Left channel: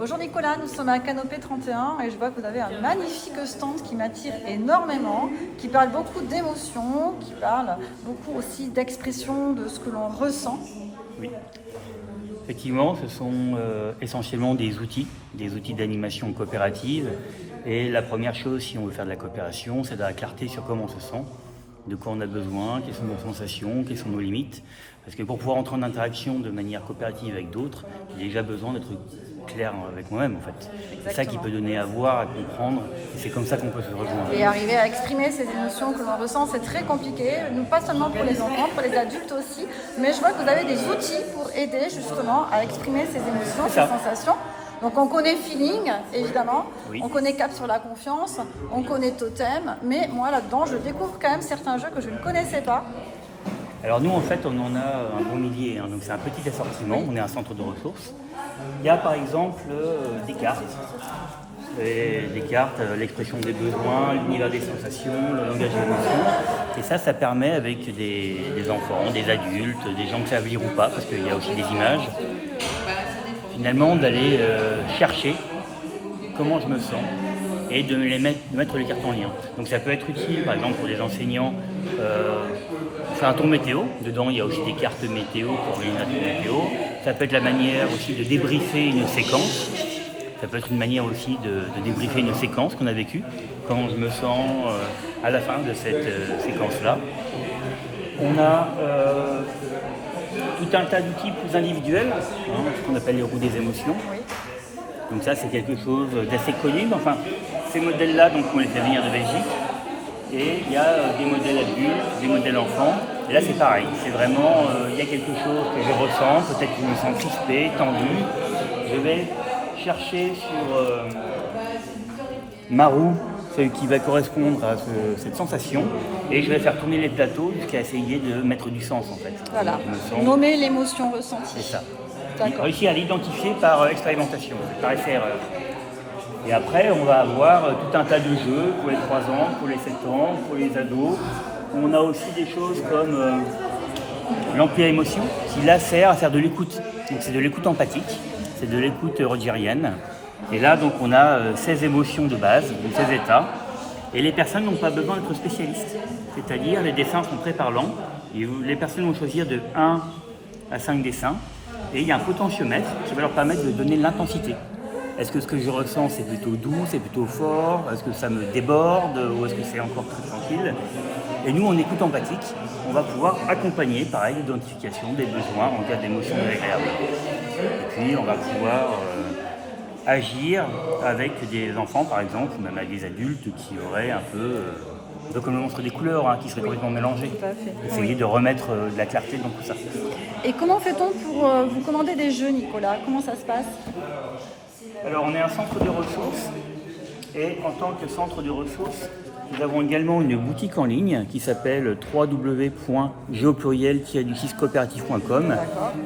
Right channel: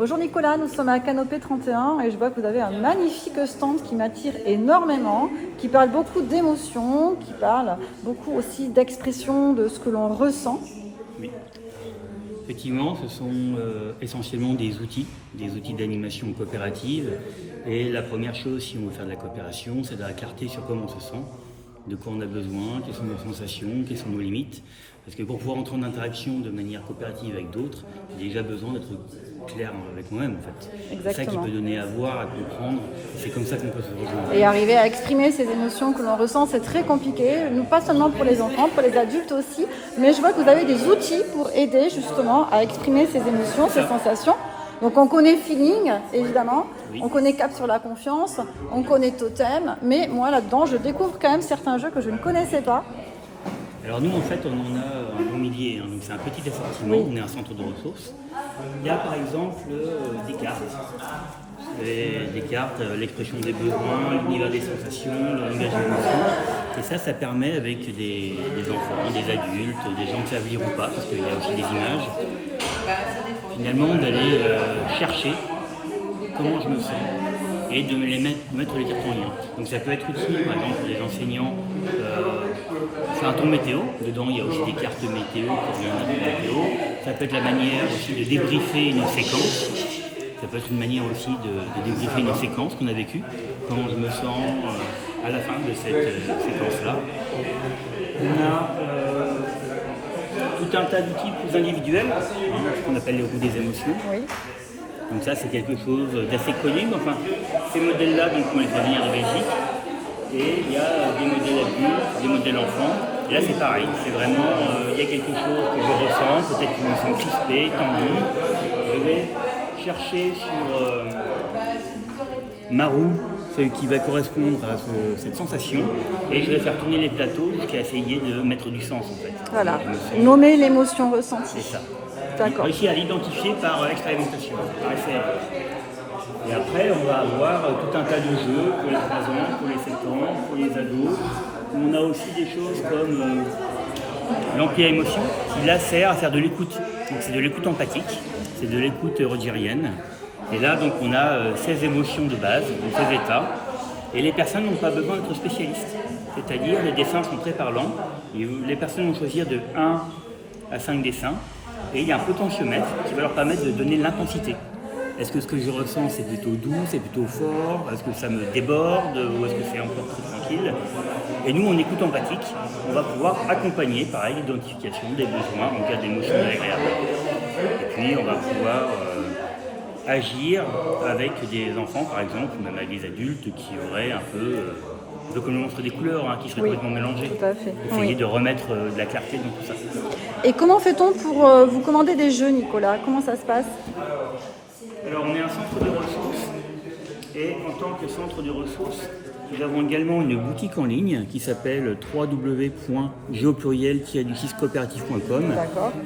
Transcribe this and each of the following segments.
Bonjour Nicolas, nous sommes à Canopée 31 et je vois que vous avez un magnifique stand qui m'attire énormément, qui parle beaucoup d'émotions, qui parle beaucoup aussi d'expression de ce que l'on ressent. Oui, effectivement, ce sont essentiellement des outils d'animation coopérative. Et la première chose, si on veut faire de la coopération, c'est de la clarté sur comment on se sent, de quoi on a besoin, quelles sont nos sensations, quelles sont nos limites. Parce que pour pouvoir entrer en interaction de manière coopérative avec d'autres, j'ai déjà besoin d'être clair avec moi-même en fait. C'est ça qui peut donner à voir, à comprendre, et c'est comme ça qu'on peut se rejoindre. Et arriver à exprimer ces émotions que l'on ressent, c'est très compliqué, pas seulement pour les enfants, pour les adultes aussi, mais je vois que vous avez des outils pour aider justement à exprimer ces émotions, ces sensations. Donc on connaît Feeling, évidemment, oui. On connaît Cap sur la confiance, on connaît Totem, mais moi là-dedans je découvre quand même certains jeux que je ne connaissais pas. Alors nous en fait on en a un bon millier, hein, donc c'est un petit assortiment, on est un centre de ressources. Il y a par exemple des cartes, l'expression des besoins, l'univers des sensations, le langage des émotions. Et ça permet avec des enfants, des adultes, des gens qui savent lire ou pas, parce qu'il y a aussi des images, finalement d'aller chercher comment je me sens et de mettre les cartes en lien. Donc ça peut être utile par exemple pour les enseignants, faire un ton météo, dedans il y a aussi des cartes météo pour les notes météo. Ça peut être la manière aussi de débriefer une séquence. Ça peut être une manière aussi de débriefer une séquence qu'on a vécue, comment je me sens à la fin de cette séquence-là. On a tout un tas d'outils plus individuels, ce qu'on appelle les roues des émotions. Donc ça c'est quelque chose d'assez connu, mais enfin ces modèles-là, donc on les fait venir de Belgique. Et il y a des modèles adultes, des modèles enfants. Et là c'est pareil, c'est vraiment, il y a quelque chose que je ressens, peut-être que je me sens crispé, tendu. Je vais chercher sur ma roue, celle qui va correspondre à cette sensation, et je vais faire tourner les plateaux jusqu'à essayer de mettre du sens en fait. Voilà, nommer l'émotion ressentie. C'est ça. Réussir à l'identifier par expérimentation, par essai-erreur. Et après, on va avoir tout un tas de jeux pour les 3 ans, pour les 7 ans, pour les ados. On a aussi des choses comme l'ampli à émotion, qui là sert à faire de l'écoute. Donc c'est de l'écoute empathique, c'est de l'écoute rogerienne. Et là, donc, on a 16 émotions de base, donc 16 états. Et les personnes n'ont pas besoin d'être spécialistes. C'est-à-dire, les dessins sont très parlants. Et les personnes vont choisir de 1 à 5 dessins. Et il y a un potentiomètre qui va leur permettre de donner l'intensité. Est-ce que ce que je ressens c'est plutôt doux, c'est plutôt fort? Est-ce que ça me déborde ou est-ce que c'est encore très tranquille? Et nous, en écoute empathique, on va pouvoir accompagner, pareil, l'identification des besoins en cas d'émotion désagréable. Et puis, on va pouvoir agir avec des enfants, par exemple, ou même avec des adultes qui auraient un peu comme le monstre des couleurs, qui serait complètement mélangé. Essayer de remettre de la clarté dans tout ça. Et comment fait-on pour vous commander des jeux, Nicolas? Comment ça se passe? Alors, on est un centre de ressources, et en tant que centre de ressources, nous avons également une boutique en ligne qui s'appelle www.geopluriel-coopératif.com.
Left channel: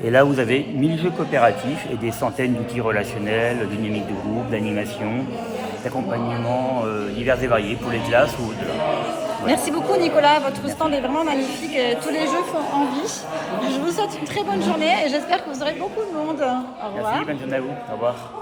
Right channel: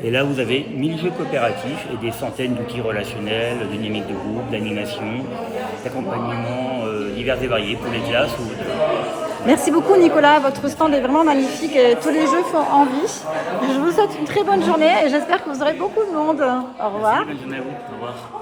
Et là, vous avez 1000 jeux coopératifs et des centaines d'outils relationnels, de dynamique de groupe, d'animation, d'accompagnement divers et variés pour les classes ou de... Merci beaucoup Nicolas, votre stand est vraiment magnifique et tous les jeux font envie. Je vous souhaite une très bonne journée et j'espère que vous aurez beaucoup de monde. Au revoir. Merci, bonne journée à vous. Au revoir.